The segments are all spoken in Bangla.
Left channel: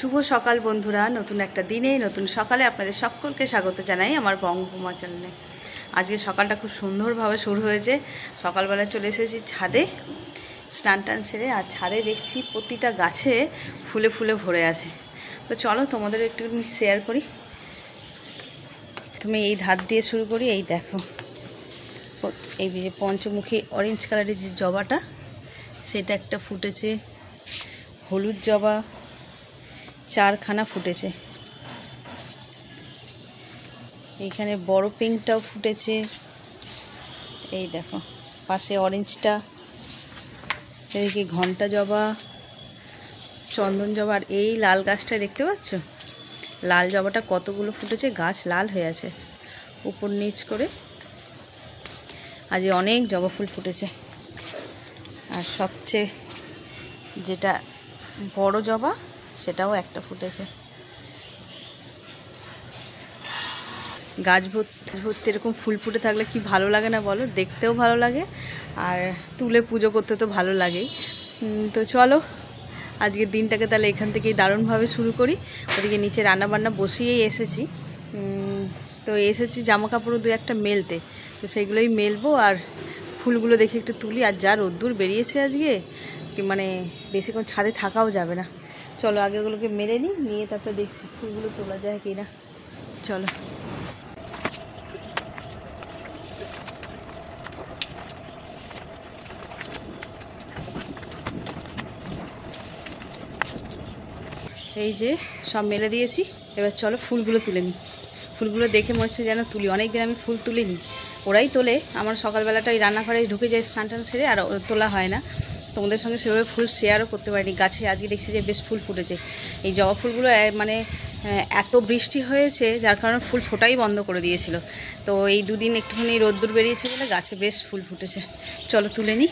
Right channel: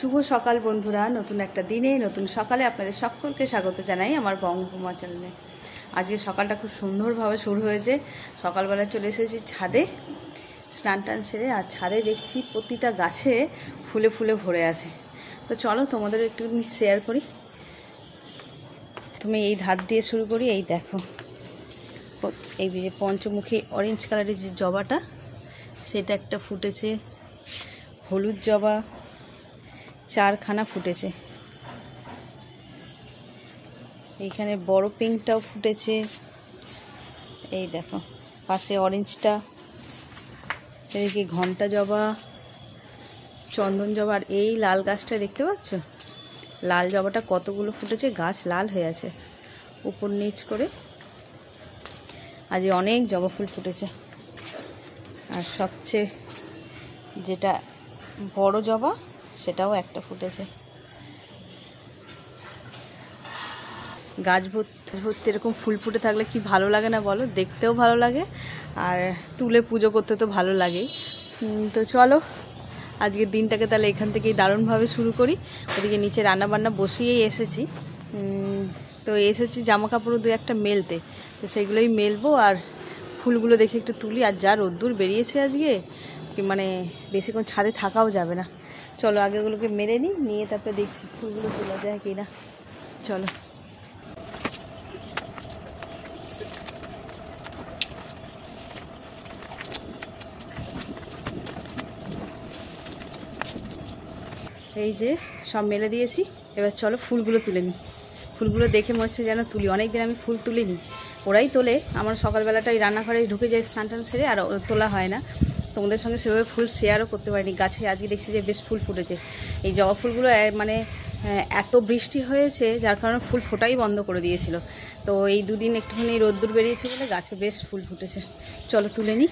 শুভ সকাল বন্ধুরা, নতুন একটা দিনে নতুন সকালে আপনাদের সকলকে স্বাগত জানাই আমার বঙ্গভূমা চ্যানেলে। আজকে সকালটা খুব সুন্দরভাবে শুরু হয়েছে। সকালবেলা চলে এসেছি ছাদে, স্নান টান সেরে, আর ছাদে দেখছি প্রতিটা গাছে ফুলে ফুলে ভরে আছে। তো চলো তোমাদের একটুখানি শেয়ার করি। তুমি এই ধার দিয়ে শুরু করি। এই দেখো, এই যে পঞ্চমুখী অরেঞ্জ কালারের যে জবাটা, সেটা একটা ফুটেছে। হলুদ জবা 4খানা ফুটেছে। এইখানে বড় পিঙ্কটাও ফুটেছে। এই দেখো পাশে অরেঞ্জটা, এদিকে ঘন্টা জবা, চন্দন জবা, আর এই লাল গাছটা দেখতে পাচ্ছ, লাল জবাটা কতগুলো ফুটেছে, গাছ লাল হয়ে আছে উপর নিচ করে। আজ অনেক জবা ফুল ফুটেছে। আর সবচেয়ে যেটা বড় জবা, সেটাও একটা ফুটেছে। গাছ ভর্তি এরকম ফুল ফুটে থাকলে কি ভালো লাগে না বলো? দেখতেও ভালো লাগে, আর তুলে পুজো করতে তো ভালো লাগেই। তো চলো আজকের দিনটাকে তাহলে এখান থেকেই দারুণভাবে শুরু করি। ওদিকে নিচে রান্নাবান্না বসিয়েই এসেছি। তো এসেছি জামা কাপড়ও দু একটা মেলতে, তো সেইগুলোই মেলবো। আর ফুলগুলো দেখে একটু তুলি। আর যা রোদ্দুর বেরিয়েছে আজকে, মানে বেশিক্ষণ ছাদে থাকাও যাবে না। চলো আগে ওগুলোকে মেরে নিই, নিয়ে তারপরে দেখছি ফুলগুলো তোলা যায় কি না। চলো। এই যে সব মেলে দিয়েছি, এবার চলো ফুলগুলো তুলে নিই। ফুলগুলো দেখে মনে হচ্ছে যেন তুলি, অনেকদিন আমি ফুল তুলিনি। ওরাই তোলে, আমার সকালবেলাটাই রান্নাঘরে ঢুকে যায় স্নান টান সেরে, আর তোলা হয় না। তোমাদের সঙ্গে সেভাবে ফুল শেয়ারও করতে পারিনি। গাছে আজকে দেখছি যে বেশ ফুল ফুটেছে। এই জবা ফুলগুলো মানে এত বৃষ্টি হয়েছে, যার কারণে ফুল ফোটাই বন্ধ করে দিয়েছিল। তো এই দুদিন একটুখানি রোদ্দুর বেরিয়েছে বলে গাছে বেশ ফুল ফুটেছে। চলো তুলে নিই।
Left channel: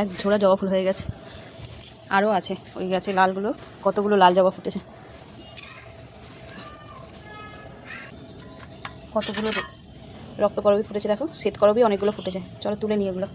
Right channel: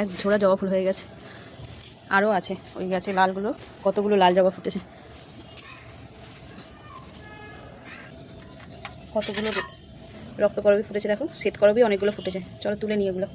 এক ঝোড়া জবা ফুল হয়ে গেছে, আরও আছে ওই গাছে লালগুলো, কতগুলো লাল জবা ফুটেছে, কতগুলো রক্তকরবী ফুটেছে। দেখো শ্বেতকরবী অনেকগুলো ফুটেছে। চলো তুলে নিই এগুলো।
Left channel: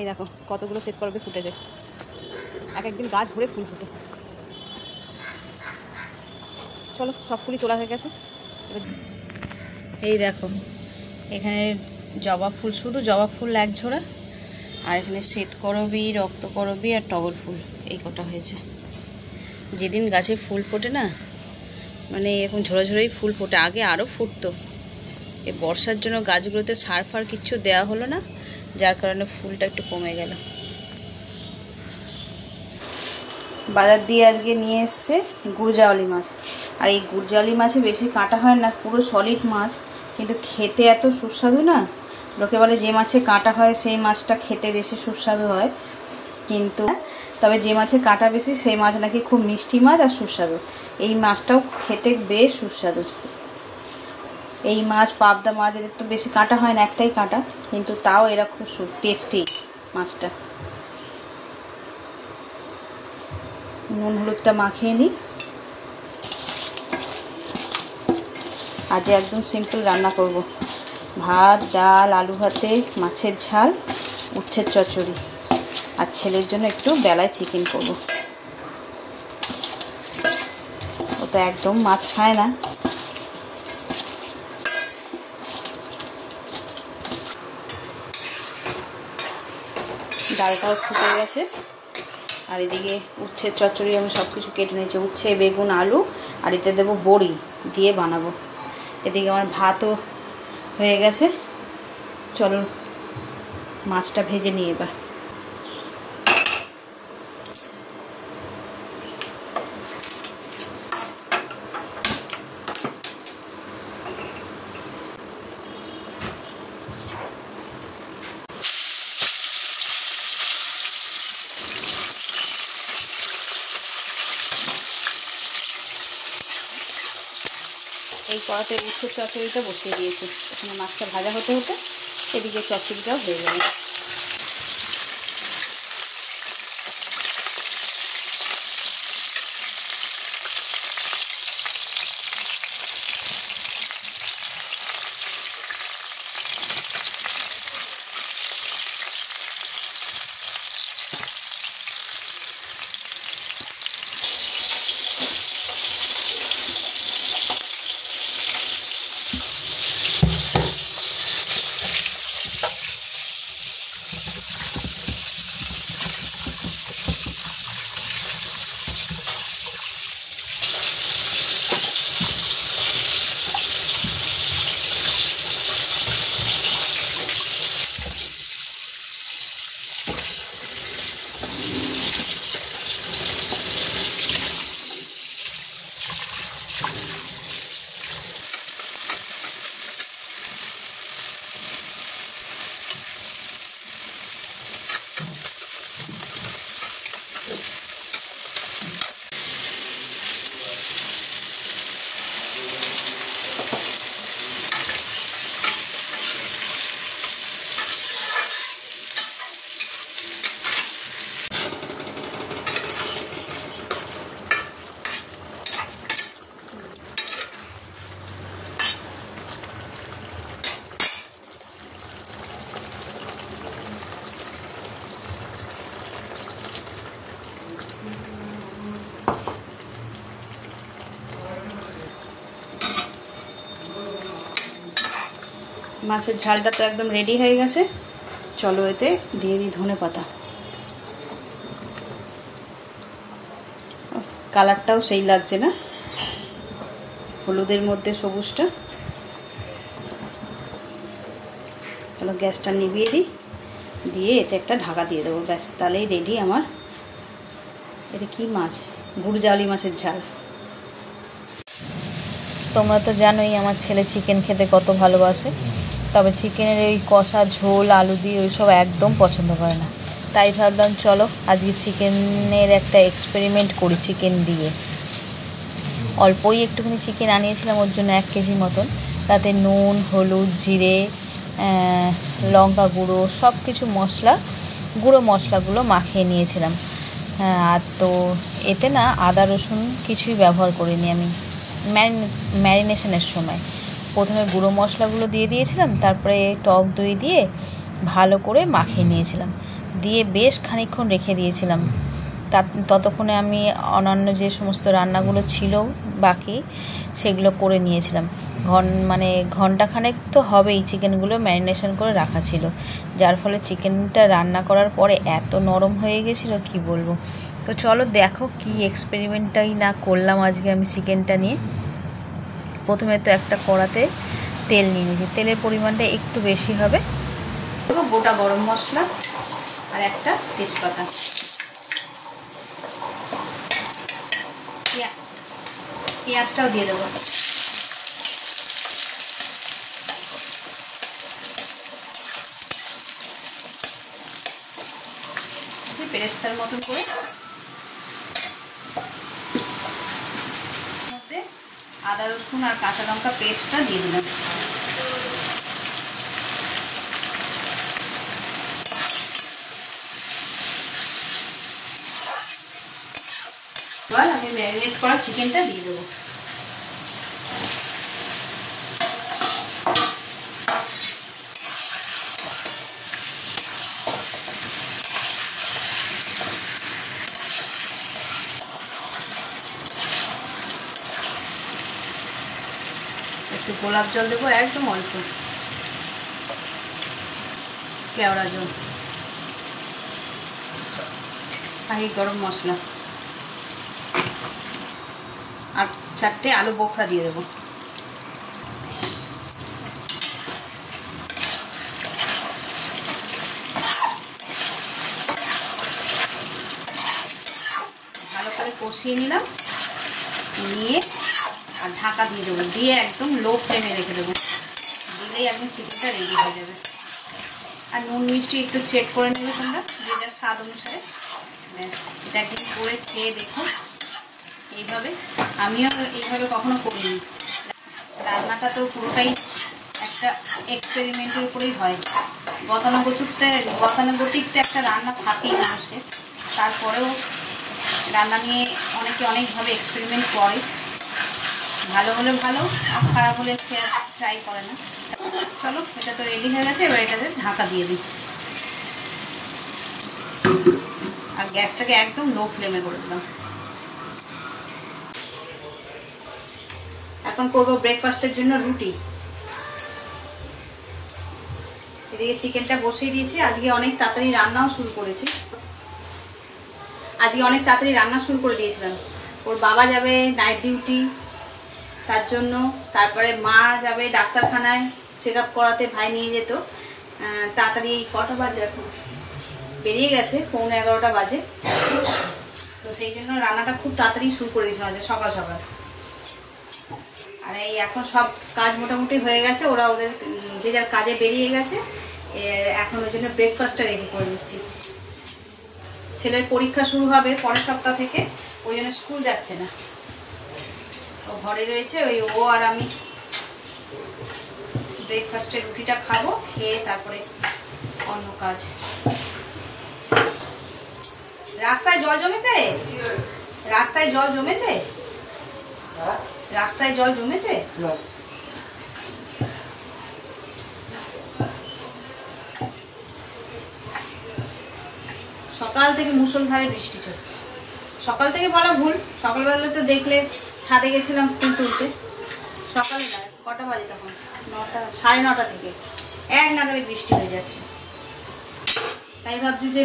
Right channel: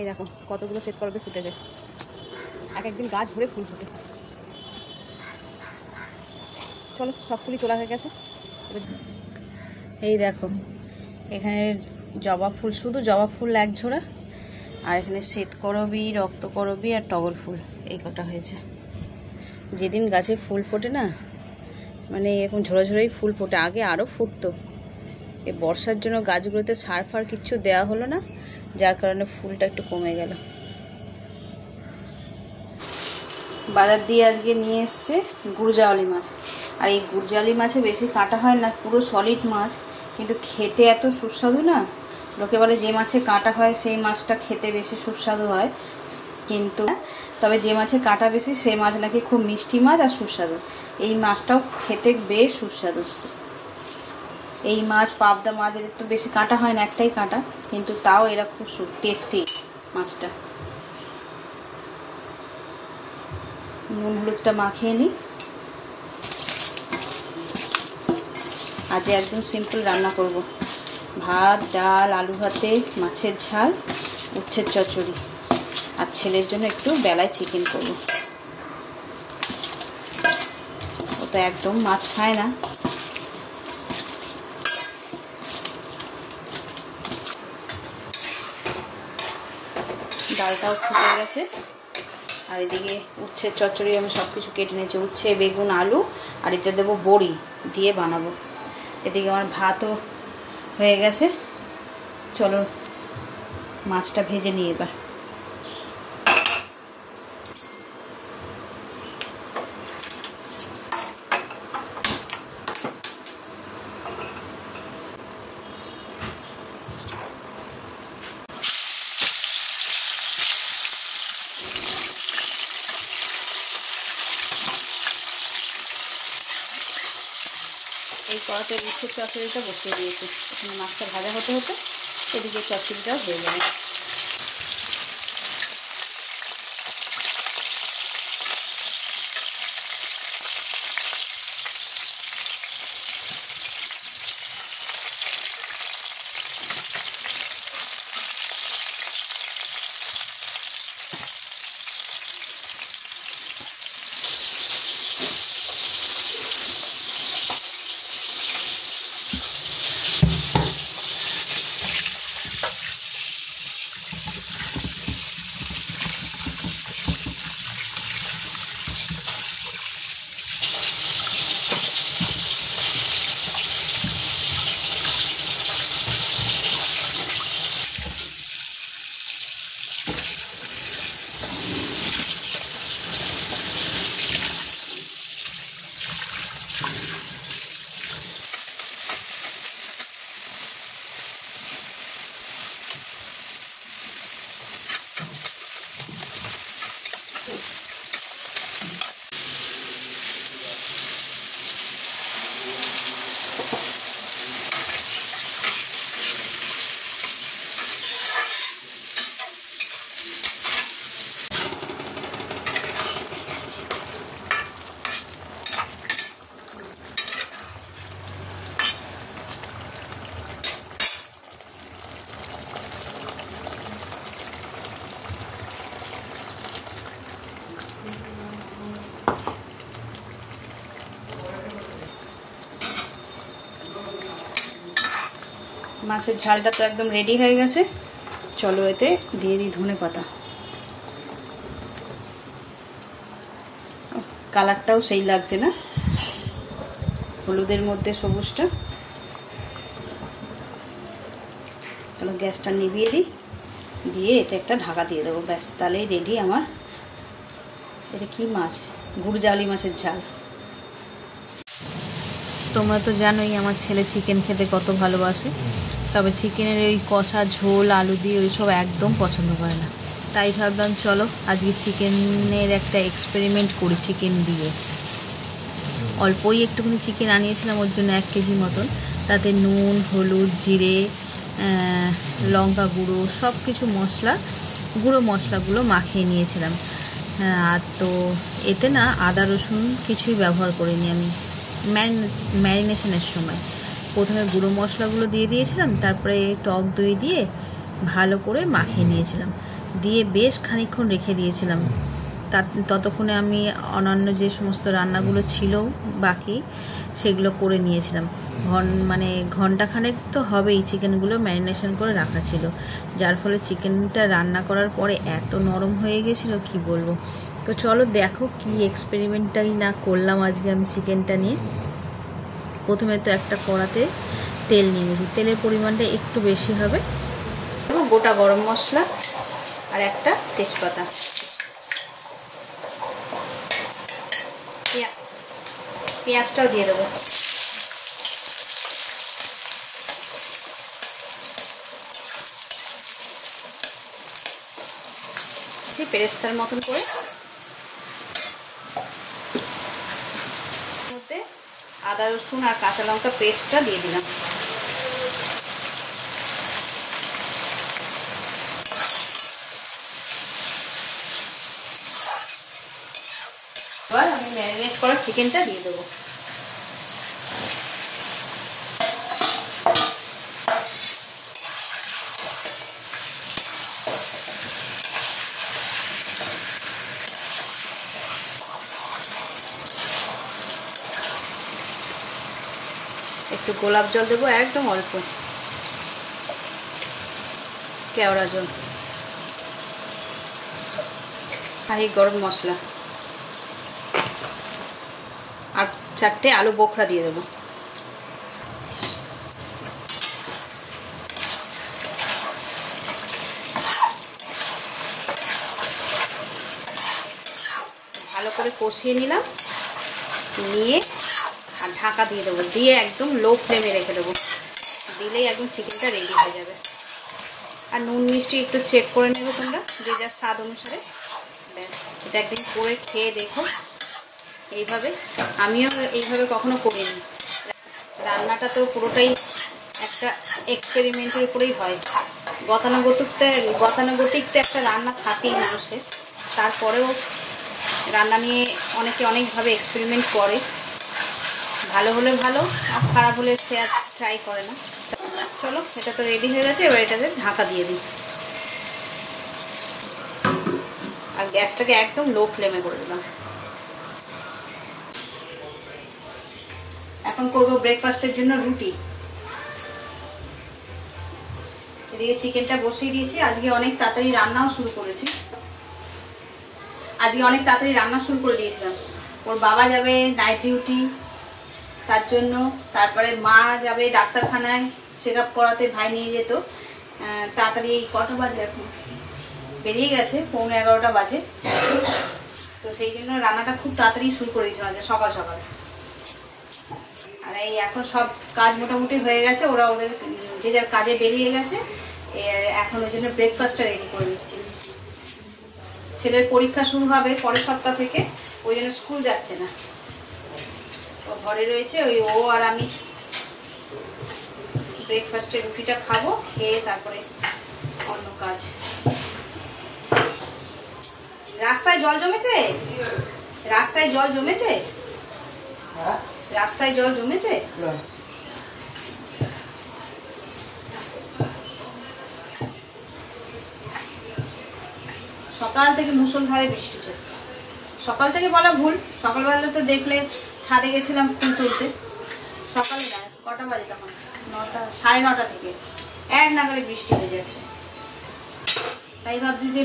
এই দেখো কতগুলো শ্বেতকরবী ফুটেছে, এক একদিন গাছ ভরে ফুল ফুটে। চলো সব ফুলই তোলা হয়ে গেছে। এই দেখো এখানে জবা ফুল, শুধু জবা ফুল এক ঝোড়া, আর এখানে শ্বেতকরবী, রক্তকরবী আর টগর ফুল, এই কটা হয়েছে। যেদিন গাছে ফুল ফোটে না, মানে এরকম ঝোড়ো ঝোড়োই ফুল ফোটে। আগে আরও ফুটতো, এই বর্ষার জন্য গাছগুলোতে সার ফার কিচ্ছু দেওয়া হলো না, যার কারণে ফুলটা একটু কমে গেল। বাজার দিয়ে আজকে নিয়ে এসছে গুড়জাওয়ালি মাছ। আর এই গুড়জাওয়ালি মাছে বেশি কাটা হয় না, পুরো সলিড মাছ, কিন্তু খেতে এত সুস্বাদু না। লোকে বলে যে মাছে কাটা হয় সেই মাছটা খেতে বেশি সুস্বাদু হয়, কিন্তু তবে যে মাছে কাটা বেশি সেই মাছ নাকি খুব মিষ্টি মাছ আর সুস্বাদু। এই মাছটাও খেতে বেশ সুস্বাদু। এই মাছ, পাবদা মাছ, এদের তো বেশি কাটা হয় না, একটাই কাটা, কিন্তু তাও এরা খুব টেস্টি মাছটা। নুন হলুদটা মাখিয়ে নিই। আজ একদম সিম্পল রান্না করব। ভাত, ডাল, আলু ভাতে, মাছের ঝাল, উচ্ছের চচ্চড়ি। আর ছেলের জন্য একটু বেলায় চিকেন করব। ও তো একদম মাছ খায় না। ডালটাও ফুটে গেছে। আর এদিকে উচ্ছের চচ্চড়ি আমি সব কিছু কেটে নিয়েছি। উচ্ছে, বেগুন, আলু, আর এতে দেবো বড়ি দিয়ে বানাবো। এদিকে আমার ভাতও হয়ে গেছে। চলো মাছটা ভেজে নিই এবার। এই কড়াতে উচ্ছের চচ্চড়িটা বসিয়ে দিয়েছি। এখানে মাছটা ভাজা হতে হতে এদিকে চচ্চড়িটাও হয়ে যাবে। মাছের ঝালটা তো একদম রেডি হয়ে গেছে। চলো এতে দিয়ে দিই ধনেপাতা। কালারটাও সেই লাগছে না, হলুদের মধ্যে সবুজটা। চলো গ্যাসটা নিভিয়ে দিই, দিয়ে এতে একটা ঢাকা দিয়ে দেবো। ব্যাস, তাহলেই রেডি আমার। এটা কি মাছ? গুড়জালি মাছের ঝাল। তোমরা তো জানোই আমার ছেলে চিকেন খেতে কত ভালোবাসে, তবে চিকেনের ওই কষা ঝোল আলু দিয়ে ওইসব একদম পছন্দ করে না। তাই ভাবলাম চলো আজকে চিকেনের একটা এক্সপেরিমেন্ট করি চিকেন দিয়ে। অল্পই একটুখানি চিকেন আনিয়েছিলাম, ওর জন্য 1 কেজি মতন। তাতে নুন, হলুদ, জিরে, লঙ্কা গুঁড়ো, সব কিছু গুঁড়ো মশলাগুলো মাখিয়ে নিয়েছিলাম। আর তো এতে না আদা রসুন কিছুই ব্যবহার করিনি আমি। ম্যারিনেশনের সময় প্রথমে গুঁড়ো মশলাগুলো দিয়ে দিয়েছিলাম, তারপরে টক দই দিয়ে ভালো করে মাখিয়ে নিয়েছিলাম, দিয়ে বেশ খানিকক্ষণ রেখে দিয়েছিলাম। ততক্ষণে আমি অন্যান্য যে সমস্ত রান্নাগুলো ছিল বাকি সেগুলো করে নিয়েছিলাম। ঘন্টাখানেক তো হবেই চিকেনগুলো ম্যারিনেশন করে রাখা ছিল, যার ফলে চিকেনটা রান্না করার পরে এত নরম হয়ে গেছিলো কি বলবো। তো চলো দেখো কি এক্সপেরিমেন্টটাই না করলাম আজকে আমি চিকেনটা নিয়ে। প্রথমে তো একটা কড়াতে তেল নিয়েছি, তেলের পরিমাণটা একটু বেশি হবে। গোটা গরম মশলা আর একটা তেজপাতা, পেঁয়াজটাও দিয়ে দেবো। পেরেস্তার মতন করে মধ্যে আদা রসুন আর কাঁচা লঙ্কা পেস্টটা দিয়ে দিলাম। এবার আমি ম্যারিনেট করা চিকেনটা দিয়ে দেবো। গোলাপ জল দেবো, একদম অল্প কেওড়া জল, আর এই গরম মশলা, আর 4টে আলু বোখরা দিয়ে দেবো। ভালো করে কষিয়ে নিলাম, নিয়ে আর ঢাকা দিয়ে দেবো, দিয়ে একদম লো ফ্লেমে রেখে দেবো। দিলেই একদম চিকেনটা রেডি হয়ে যাবে। আর নুন মিষ্টি একটু চেক করে নেবে তোমরা, যে যার স্বাদ অনুসারে। ব্যাস, এটা একদিন করে খেয়ে দেখো এইভাবে। আমিও এইভাবে কখনো করিনি। রান্নাটা তো পুরোটাই একটা এক্সপেরিমেন্টের উপরেই হয়। গতানুগতিক তো একটা রান্না থাকেই মানুষের, তারপরেও রান্না নিয়ে অনেকে অনেকভাবে এক্সপেরিমেন্ট করে। ভালো হলে ভালো, আর খারাপ হলে সে আর ট্রাই করে না। চলো, এটা তো রেডি হয়ে গেছে, এবার এটাতে ঢাকা দিয়ে দিই। আর গ্যাসটাকে একদম লো ফ্লেমে করে দিলাম। এখন করবো ব্রেকফাস্টের জন্য রুটি। এদিকে চিকেনটা বসিয়ে দিয়েছি। আজকে অনেক তাড়াতাড়ি রান্নাও শুরু করেছি। রান্না শুরু করে দিয়েছিলাম। ওর বাবা যাবে নাইট ডিউটি, তার জন্য। তারপরে মা যাবে ডাক্তারখানায় চেক আপ করাতে, ভাই নিয়ে যেত। তাড়াতাড়ি এই কটা বাজে, এখন বেরিয়ে গেছে 11:15 বাজে। তো সেই জন্য রান্নাটা খুব তাড়াতাড়ি শুরু করে দিয়েছিলাম, সকাল সকাল। আর এই এখন সব কাজ মোটামুটি হয়ে গেছে, ওরা ওদের যে যার কাজে বেরিয়ে গেছে। এখন ওই জন্য ব্রেকফাস্টটা রেডি করে দিচ্ছি। ছেলের পরীক্ষা শুরু হবে পরের সপ্তাহ থেকে, ওই জন্য স্কুল যাচ্ছে না, ও ঘরে রয়েছে। ওই ও আর আমি ব্রেকফাস্টের রুটিটা খাবো, খেয়ে তারপরে অন্য কাজ। রাস্তায় জল জমেছে, রাস্তায় জল জমেছে, রাস্তায় জল জমেছে। সকাল থেকে মুষলধারে বৃষ্টি চলছে। সকাল থেকে বলা ভুল, সকালবেলা তো দেখলে ছাদে গেছিলাম ফুল তুলতে। সকালে কটা বাজে তখন? 9টা, 9:30 থেকে এক নাগারে বৃষ্টি হয়ে যাচ্ছে। তাই ভাবছি যে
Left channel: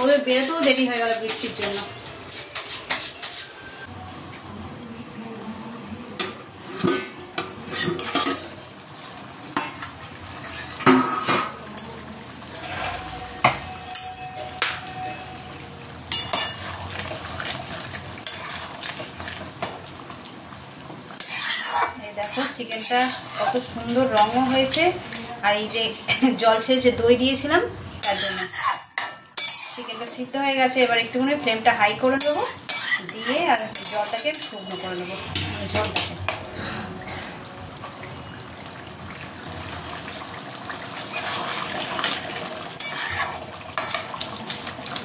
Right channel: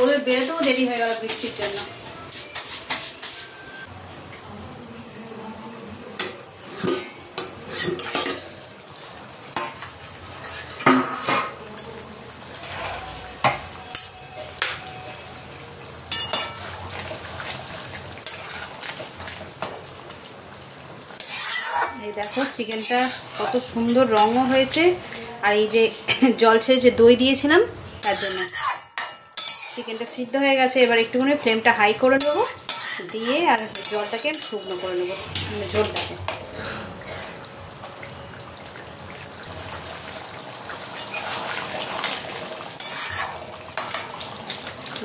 ওদের বেরোতেও দেরি হয়ে গেল বৃষ্টির জন্য। এই দেখো চিকেনটা কত সুন্দর রঙও হয়েছে। আর এই যে জল ছেড়ে দই দিয়েছিলাম, তার জন্য চিকেনটা সিদ্ধ হয়ে গেছে। এবার একটুখানি ফ্লেমটা হাই করে দেবো, দিয়ে আর জলটাকে শুকনো করে নেবো, ঝোলটাকে।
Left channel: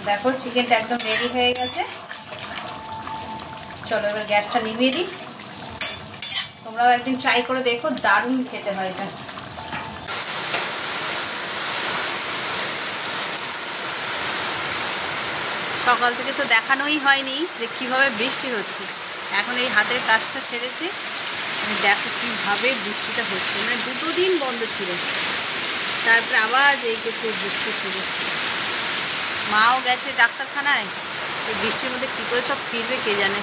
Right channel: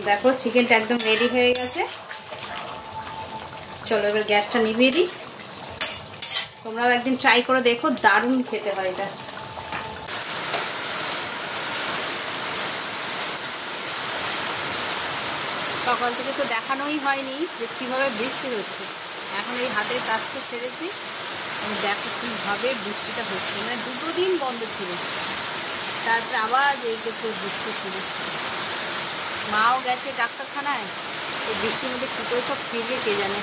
দেখো চিকেনটা একদম রেডি হয়ে গেছে। চলো এবার গ্যাসটা নিভিয়ে দিই। তোমরাও একদিন ট্রাই করে দেখো, দারুণ খেতে হয় এটা। সকাল থেকে তো দেখানোই হয়নি যে কীভাবে বৃষ্টি হচ্ছে। এখন এই হাতের কাজটা সেরেছি, দেখো কীভাবে বৃষ্টিটা হচ্ছে। মানে 2 দিন বন্ধ ছিল, তারপরে আবার এই কিছু বৃষ্টি ছিল। মাও গেছে ডাক্তারখানায়, তো বৃষ্টির মধ্যে কী করে সব ফিরবে কে জানে।